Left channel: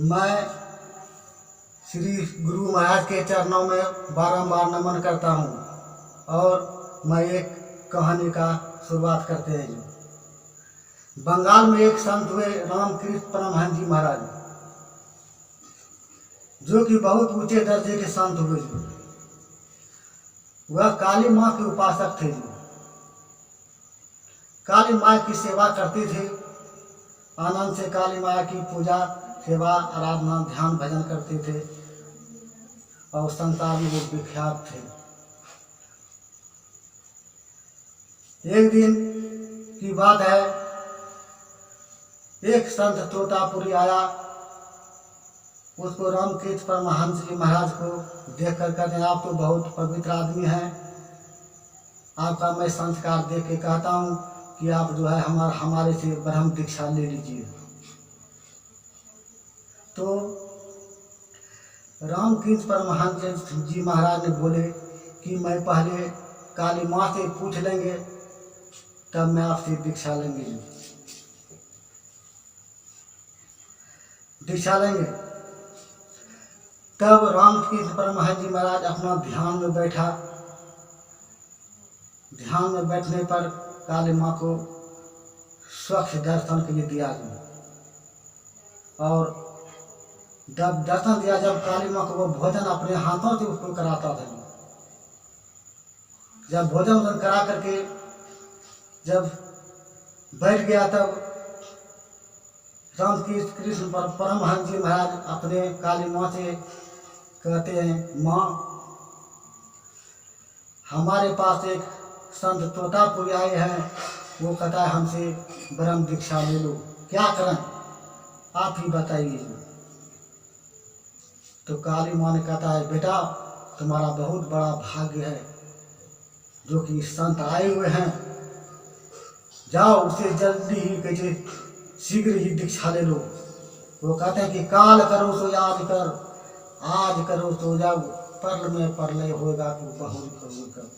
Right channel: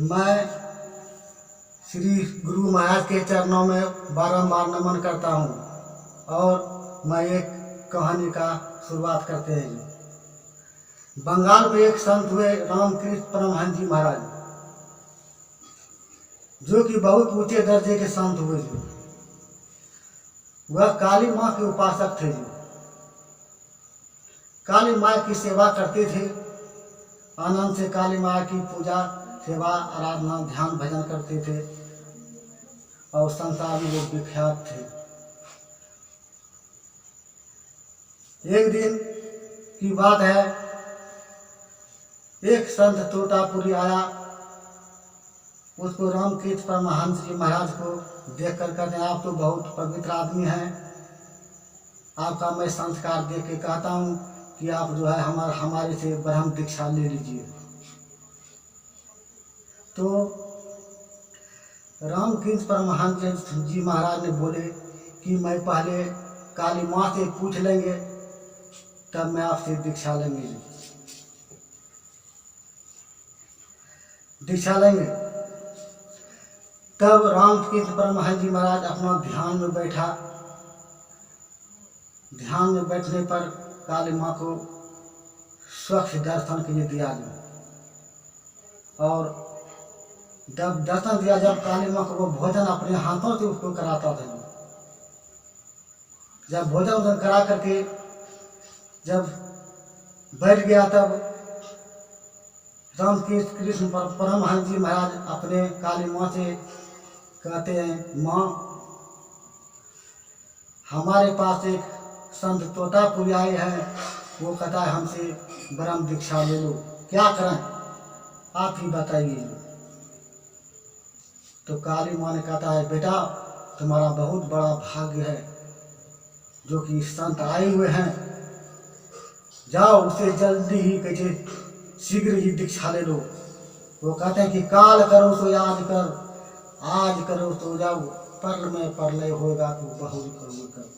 मैं श्री गुरु महाराज के चरणों में बारंबार नमन करता हूँ और मैं एक कहानी का शुरुआत करते हैं। जो बंगाल में एक संत हुए रामकृष्ण परमहंस जी महाराज, जो कि बहुत ऊंचे दर्जे के संत हुए। जो वह काली माँ के उपासक थे। जो काली माँ की सेवा करते थे, आनंद से काली माँ की पूजा सेवा आराधना ध्यान भजन करते थे और संसार में वो विख्यात थे। एक दिन की बात है, एक संत तोतापुरी आया। उसको रामकृष्ण परमहंस जी महाराज को देख कर कहते हैं, आप तो बहुत पवित्र आदमी हैं, आपका मैं संस्कार देख के कहता हूँ कि आप जो है हमारे से ब्रह्म दीक्षा ले लीजिए। तो रामकृष्ण परमहंस जी महाराज ने बोले कि मैं पहले काली माँ से पूछ लेंगे, तब मैं आपसे दीक्षा लेंगे। दीक्षा लेंगे। तब रामकृष्ण परमहंस जी महाराज अपना ध्यान में बैठा। ध्यान में बैठने पर काली माँ को स्वच्छ दर्शन के लिए दिया गया और जब दर्शन दिया, जब काली माँ को वो भोजन अपने हाथों से उसको कराता था। जब भोजन करा करके जब बैठ गया, तब रामकृष्ण परमहंस जी महाराज अपने काली माँ से कहते हैं, माँ हमारे पास एक संत तोतापुरी आए हैं, वो कहता है हमसे ब्रह्म दीक्षा ले लो, क्या करें आप ही बताइए। तो काली माँ ने कहता है, बेटा तुम्हारा बहुत बड़ा भाग्य है जो कि संत आए हुए हैं, जाओ उसे जल्दी ही कैसे शीघ्र ही दीक्षा ले लो। वो कहते हैं कि काल करो तो आज कर, आज करो तो जब परल में परलय होगा तो बहुरी करो कर।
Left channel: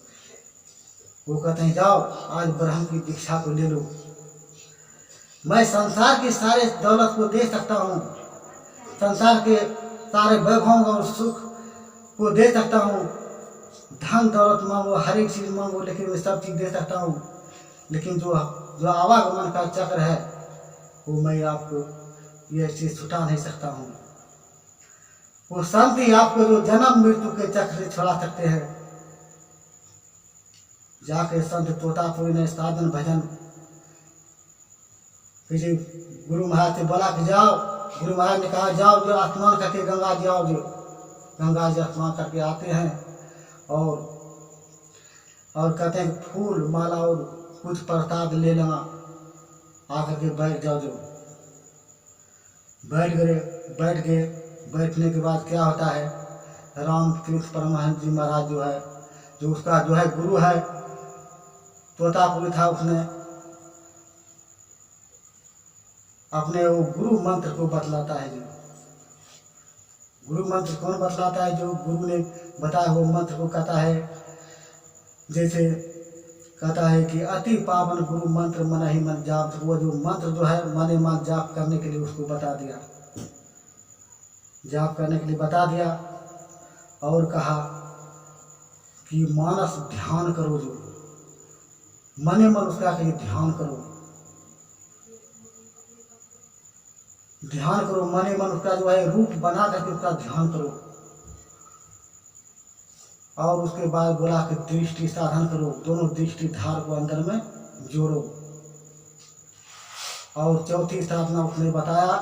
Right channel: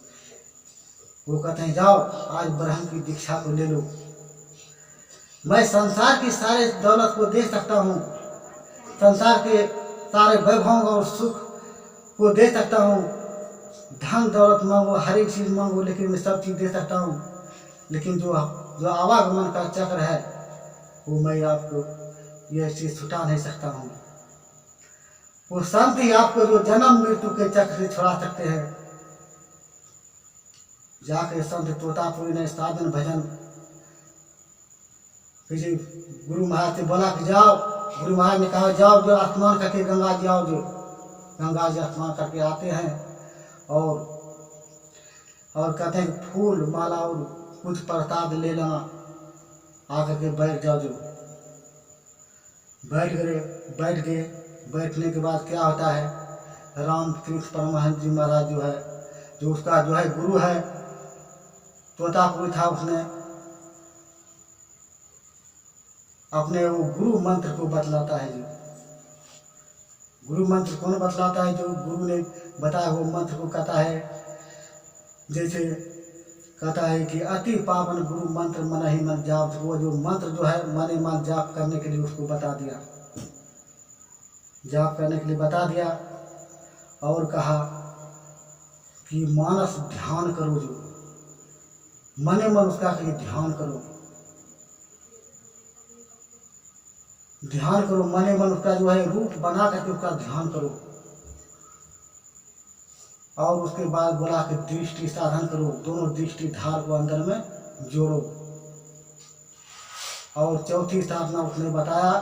वो कहते हैं जाओ आज ब्रह्म की दीक्षा को ले लो। मैं संसार की सारे दौलत को दे सकता हूँ, संसार के सारे वैभव और सुख को दे सकता हूँ, धन दौलत मांगो, हर एक चीज़ मांगो, लेकिन मैं सब चीज़ दे सकता हूँ, लेकिन जो आवागमन का चक्र है वो मैं आपको यह चीज़ छुटा नहीं सकता हूँ। वो संत ही आपको जो जन्म मृत्यु के चक्र से छुड़ा सकते हैं। जाके संत तोतापुरी ने साधन भजन किसी गुरु महाराज से बोला कि जाओ। गुरु महाराज ने कहा जाओ, जो स्नान करके गंगा जी आओ। जो गंगा जी स्नान करके आते हैं और कहते हैं फूल माला और कुछ प्रसाद ले लेना, आकर के बैठ जाओ। जो बैठ गए। बैठने के बाद क्या होता है, रामकृष्ण परमहंस जी महाराज जो है, जो उसका जो है गुरु है, तोतापुरी था, उसने अपने वो गुरु मंत्र को बतलाता है। जो गुरु मंत्र कौन बतलाता है, जो गुरु ने बताया वो मंत्र को कहता है, जैसे कहता है कि अति पावन गुरु मंत्र मन ही मन जाप। वो जो मंत्र जो है मन मन जाप करने के लिए उसको बता दिया, जाप करने के लिए बता दिया और कहा कि मानस ध्यान करो। जो मने मन उसका कहीं ध्यान करो, ध्यान करो, मने मन उसका जो है रूप बना करके उसका ध्यान करो। और उसके बाद बोला कि दृष्टि साधन करो, दोनों दृष्टि धार को अंदर में जोड़ो। और चौथी साधना उसने बताया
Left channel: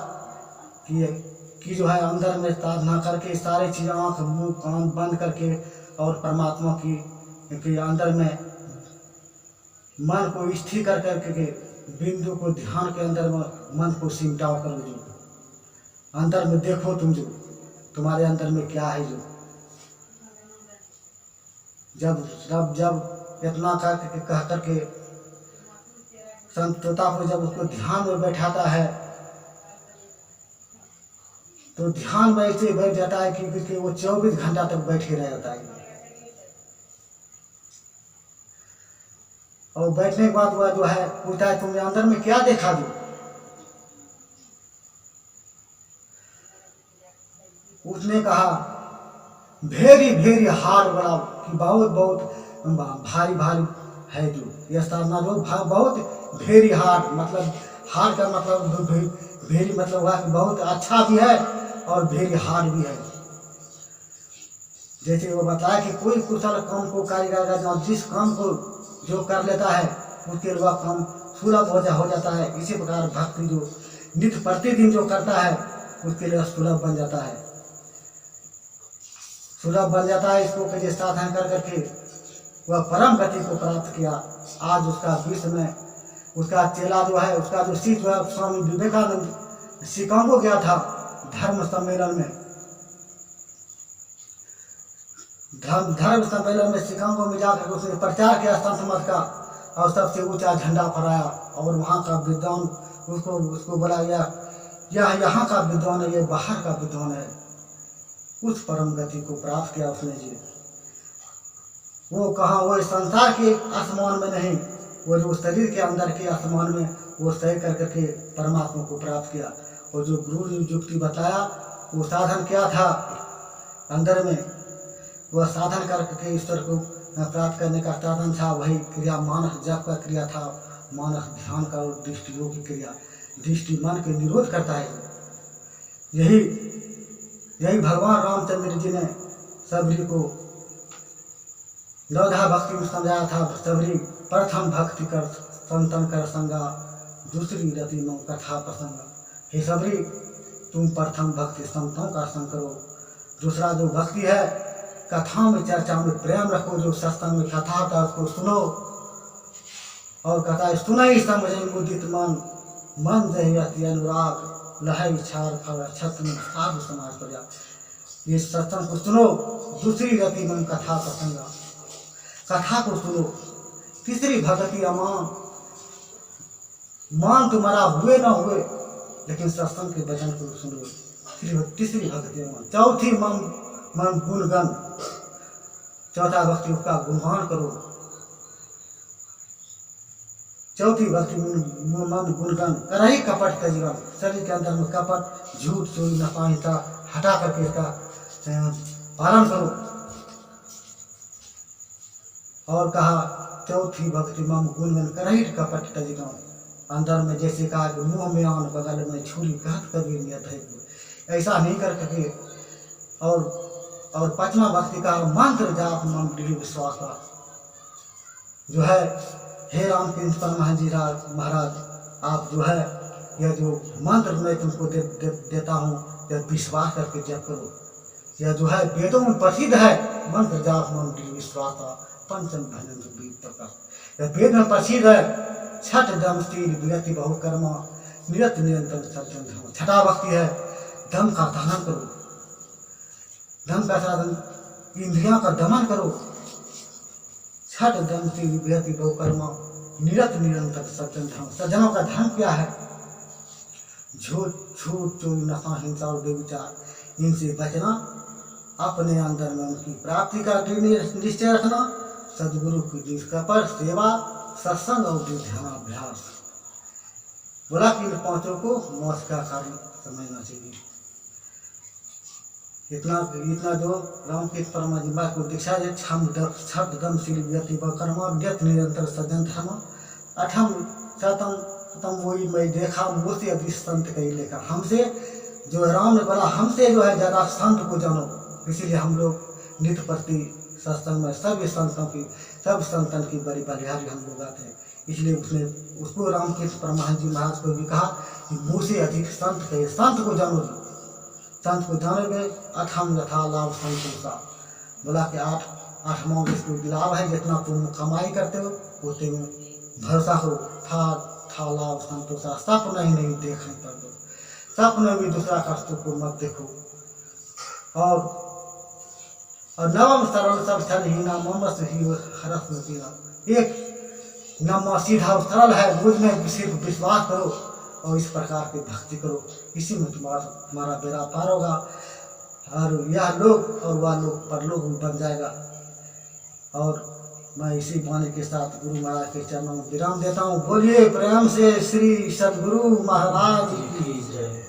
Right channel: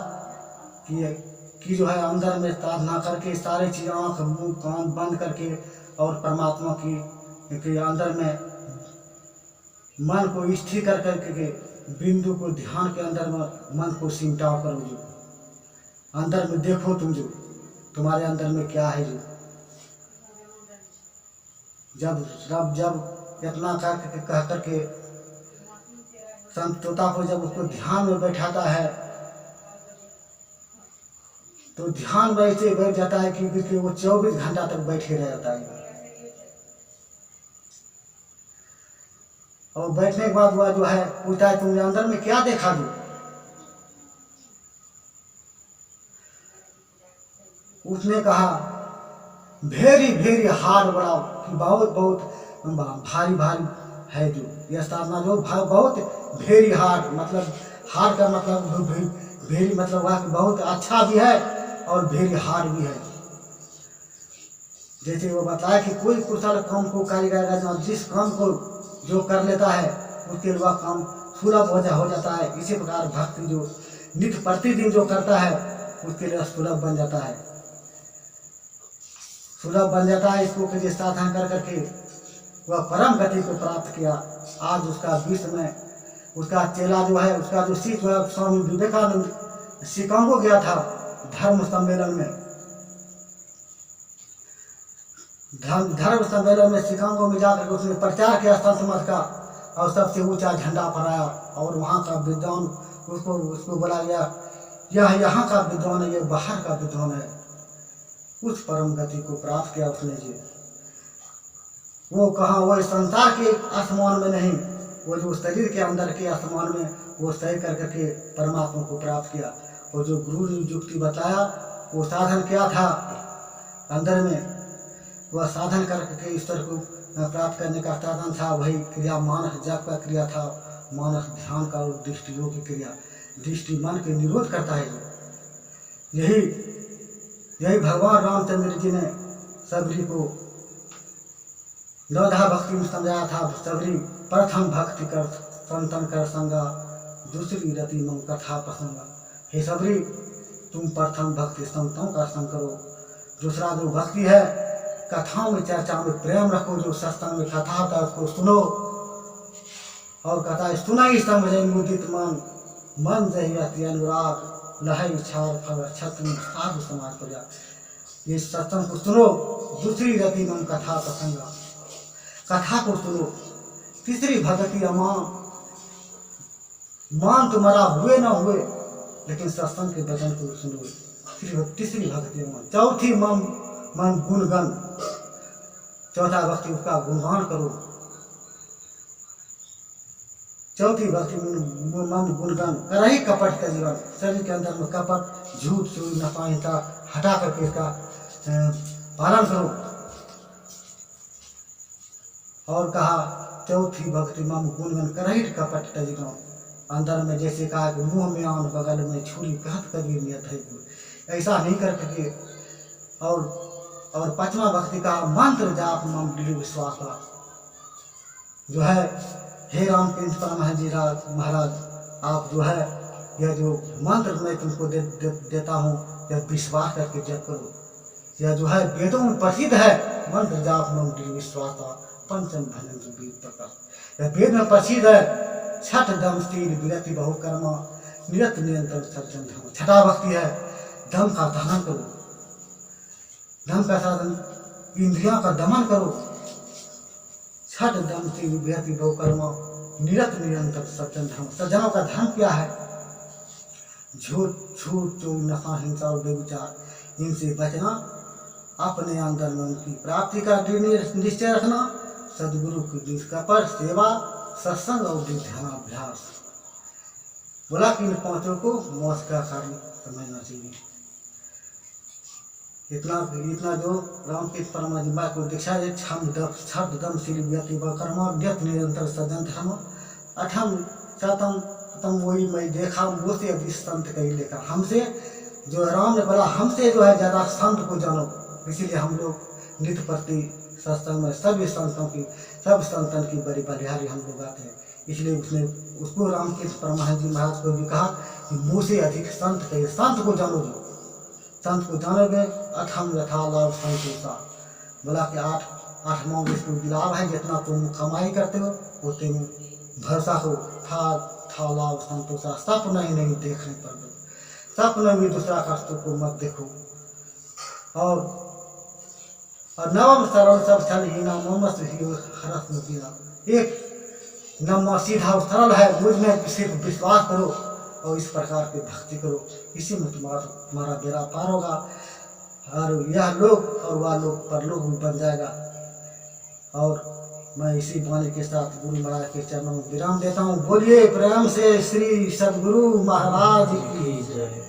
कि जो है अंदर में साधना करके सारे चीज़ आँख मुंह कान बंद करके और परमात्मा की अंदर में मन को स्थिर कर करके बिंदु को ध्यान के अंदर में मन को सिमटाव करो। जो अंदर में देखो तुम, जो तुम्हारे अंदर में क्या है। जो जब इतना कह करके संत तोतापुरी जब उसको ध्यान में बैठाता है, तो ध्यान में ऐसे बैठ जाता है कि वो 24 घंटा तक बैठे रह जाता है। और बैठने के बाद वह जो है पूछता है, तुमने अंदर में क्या देखा। जो उसने कहा वेरी वेरी हार्ड, बड़ा कि बहुत बहुत भारी भारी है जो यह साधना जो बहुत वेरी हार्ड, मतलब हार्ड का मतलब वेरी मतलब हुआ कि बहुत अच्छा भी है और वेरी हार्ड भी है। जैसे वो बताया कि कोई कुशल काम को कारीगर का जिस काम को जो कर लेता है उसके लिए वह काम सुलभ हो जाता है। इसी प्रकार भक्ति जो नित्य प्रतिदिन जो करता है उसके लिए सुलभ बन जाता है, सुलभ बन जाता है। इसको कहीं साधन कर करके वह परम गति को प्राप्त किया। आज उसका विश्व में उसका चेला जो है, उसका जो शिष्य है, स्वामी विवेकानंद शिकागो गया था धर्म सम्मेलन में। धर्म सम्मेलन में शिकागो में जाकर उसने प्रचार किया संत मत का और सबसे ऊंचा झंडा फहराया। और वहाँ का विद्वान उसको बोला गया यह यहाँ का विद्वान है, यह बाहर का विद्वान है। उस परम गति को प्राप्त किया उसने जी। वो कहाँ, वो संसार के आसमान में नहीं, वो जो शरीर के अंदर के आसमान में वो सही कर करके परमात्मा को प्राप्त किया। और जो गुरु ने युक्ति बताया वो साधन क्या था अंदर में, वह साधन करके ईश्वर को प्राप्त करने का साधन था। वही क्रिया मानस जप का क्रिया था, मानस ध्यान का और दृष्टि योग की क्रिया। दृष्टि मन के निरोध करता है। यही भगवान रामचंद्र जी ने सबरी को नवधा भक्ति में समझाया था। सबरी प्रथम भक्ति कर संतन कर संगा, दूसरी रति मम कथा प्रसंगा। हे सबरी तुम प्रथम भक्ति संतों का संग करो, दूसरा जो भक्ति है कथाओं में चर्चा में प्रेम रखो। जो सत्संग में कथा होता है उसको सुनो, और कथा है सुना ही समझे मुदित मन, मन जही अति अनुराग, लहई छार फल छत्र साधु समाज पर जा। ये सत्संग को सुनो। दूसरी रति मन कथा प्रसंगा, कथा को सुनो। तीसरी भक्ति अमान, मान तुम्हारा हुए ना हुए लेकिन सत्संग के वचन को सुनो। तीसरी भक्ति अमान। चौथी मन गुणगन, चौथा भक्ति उसका गुणगान करो। चौथी भक्ति मन गुणगान। करही कपट का जीवन, शरीर के अंदर में कपट झूठ चोरी नफाहिता हटा करके इसका पालन करो। और कहा चौथी भक्ति मम गुणगन करही कपट का जीवन। अंदर में जैसे कहा कि मुंह में आन बगल में छुरी कहत कबीर नियत है, ऐसा नहीं करके। और पांचवा भक्ति का मंत्र जाप मम दृढ़ विश्वास का जो है। हे रामकृष्ण परमहंस जी महाराज, आप जो है यह जो मंत्र मैं तुमको देता हूँ यह विश्वास करके जप करो। यह जो है वेदों में प्रसिद्ध है मंत्र जाप मम दृढ़ विश्वास का पंचम भजन बीत प्रकाश। यह वेद में प्रसिद्ध है। छठ दम स्थिर विरति बहुकर्मा, निरत निरंतर सज्जन धर्म। छठा भक्ति है दम का दहन करो, दम का साधन इंद्रियों का दमन करो। छठ दम से विभूति बहुकर्मा, निरत निरंतर सज्जन धर्म। सज्जनों का धर्म क्या है? झूठ छूट चोरी नशा हिंसा और बेविचार, इनसे बचना, अपने अंदर में उनकी प्राप्ति का निश्चय रखना, सदगुरु की निष्कपट सेवा, सत्संग और ध्यानाभ्यास। बोला कि इन पांचों को मोक्ष का कारण समझना चाहिए। इतना जो रामकृष्ण परमहंस को दीक्षा है। छठ दम शील व्यक्ति कर्मा व्यक्त निरंतर सज्जन धर्म। अठम शतम वही मैं देखा मुझसे अधिक संत कही लेखा। हमसे जो राम ने बोला हमसे जो है ज़्यादा संत को जानो, इसीलिए हम लोग नित्य प्रति सत्संग में सभी संतों की सब संतन की बड़ी बलिहारी हम लोग आते हैं। इसलिए उसको रामकृष्ण परमहंस जी महाराज को भी कहा कि मुझसे अधिक संत कहिए, संत को जानो जी, संत को जानोगे। अठम यथा लाभ संतोषा, बोला कि आठवां इसको लाभ है, जितना तुम कमाई करते हो उतने में भरोसा हो। था लाभ संतोषा, सपना ही नहीं देखने पर दो, सपने भी दूसरा कष्टों को मत देखो। और नवम सरल सब छल ही ना ममस ही हरस में पीना। एक नम्मा सीधा और सरल है, मुझ में सिर्फ विश्वास करो और इस प्रकार की भक्ति करो, इसी में तुम्हारा बेड़ा पार होगा और यह लोग और वह लोग परलोक भी बन जाएगा। और मैं इसी वाणी के साथ गुरु महाराज के चरणों में विराम देता हूँ। बोलिए प्रेम से श्री सद्गुरु महाराज की जय।